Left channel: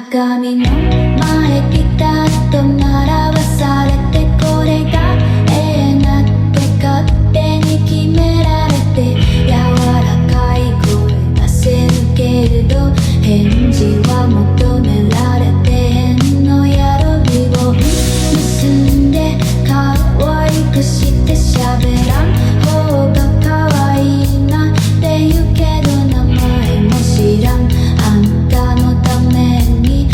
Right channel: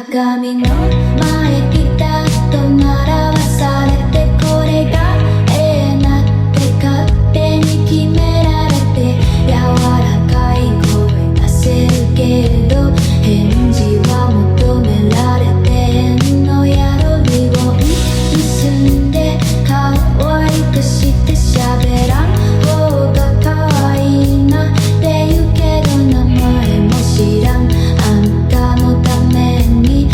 鏡の前ピタッと並ばされて、これがなって勝手に決められて、柔らかい声出せるけれど返事は求められてへんのやろ。リボン結んで可愛くして喋らん方が可愛いなって言うけど、名前も知らんあんたのために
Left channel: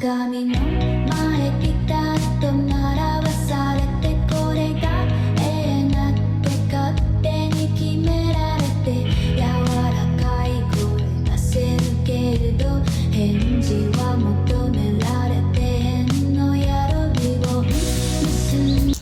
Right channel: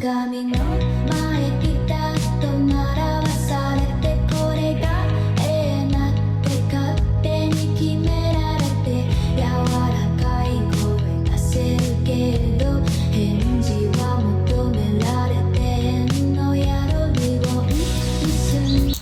鏡の前ピタッと並ばされてこれが永遠だって勝手に決められて柔らかい声出せるけれど返事は求められて変のやる日を結んで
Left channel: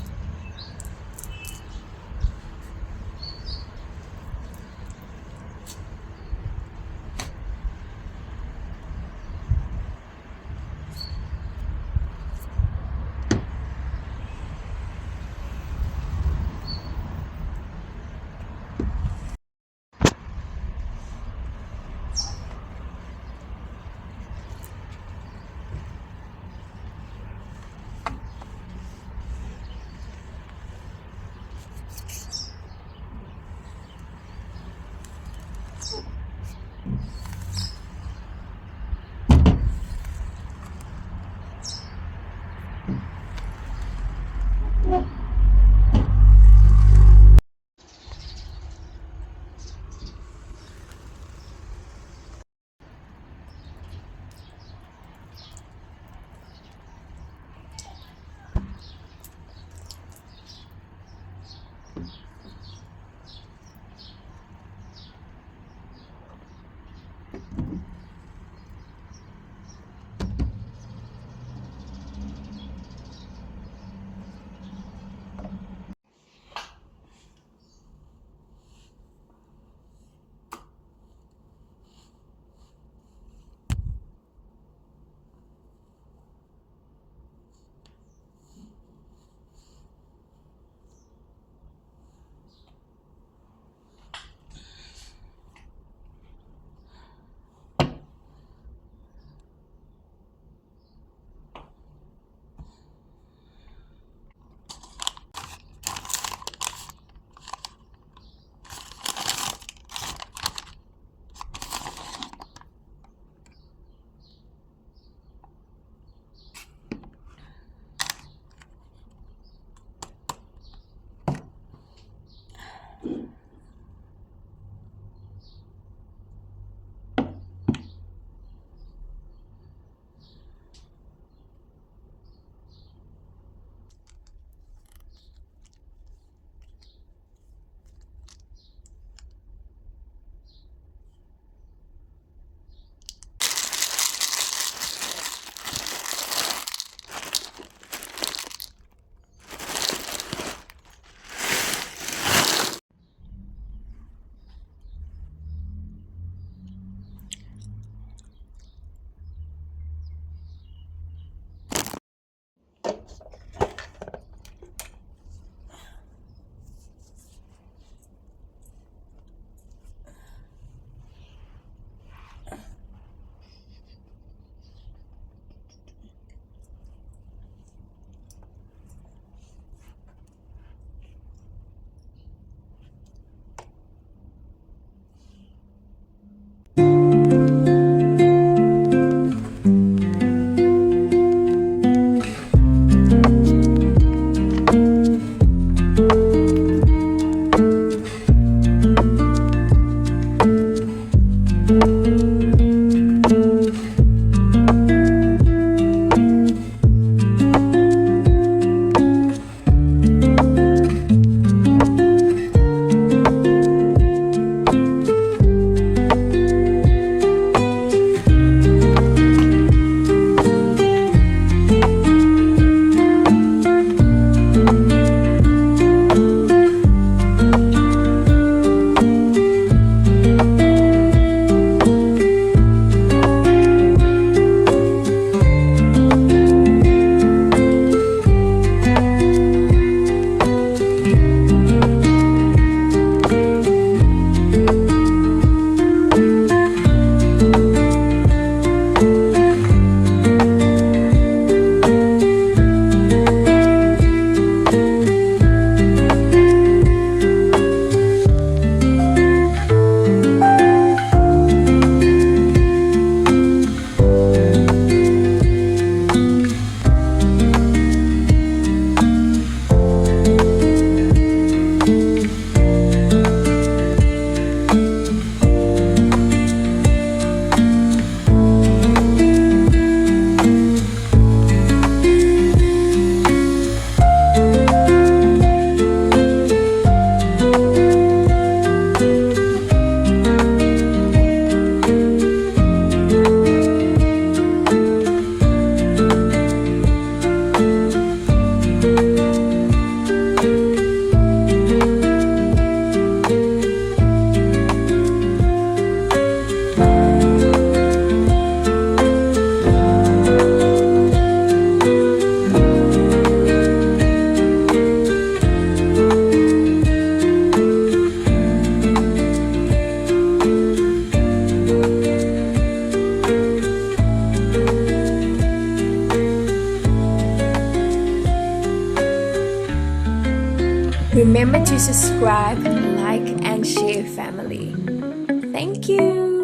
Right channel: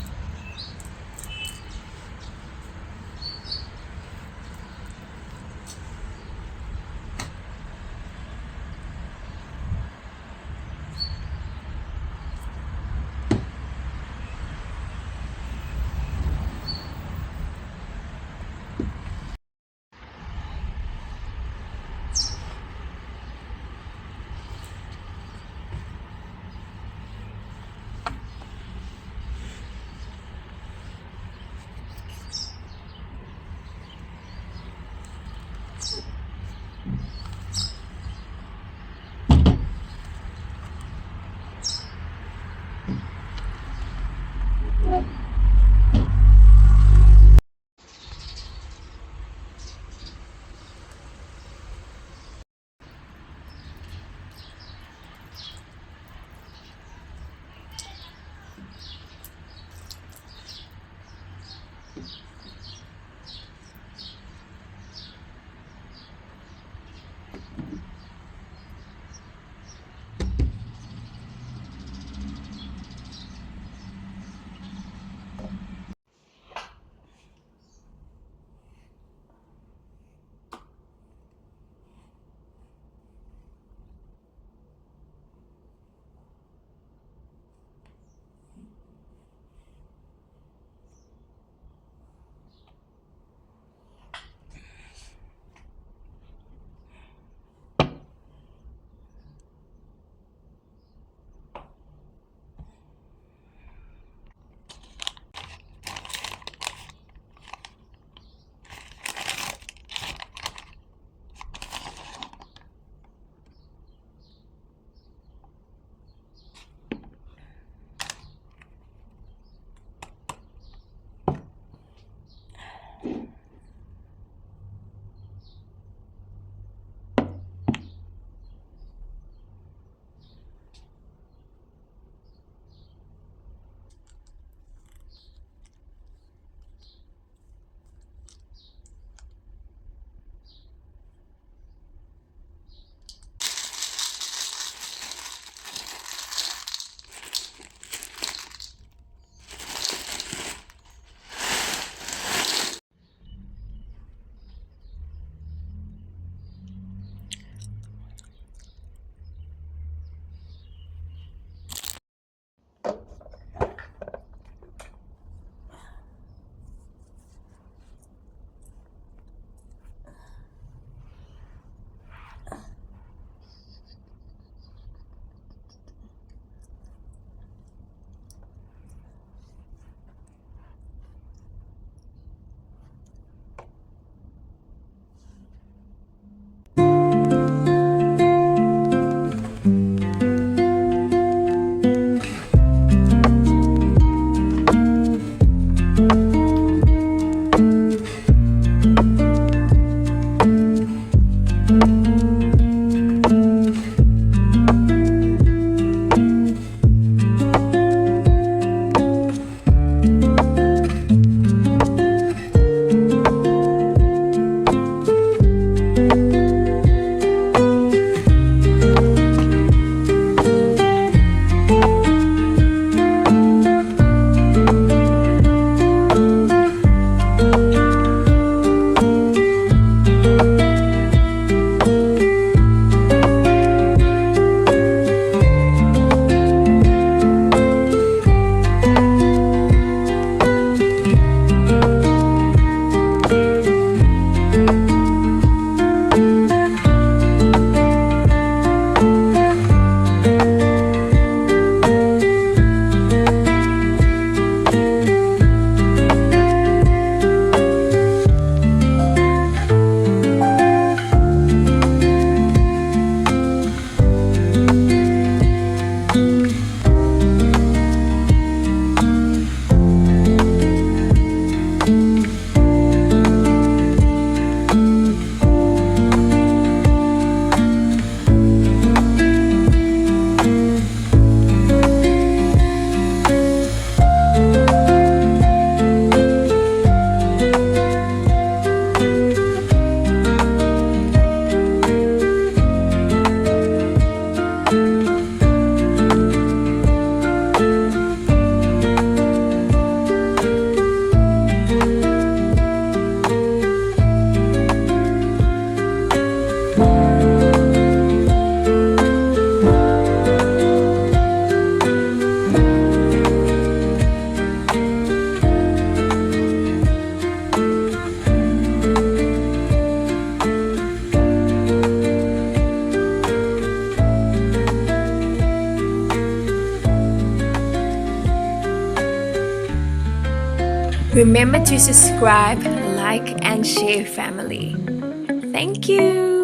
Remember to subscribe, like, and share, family. Thank you.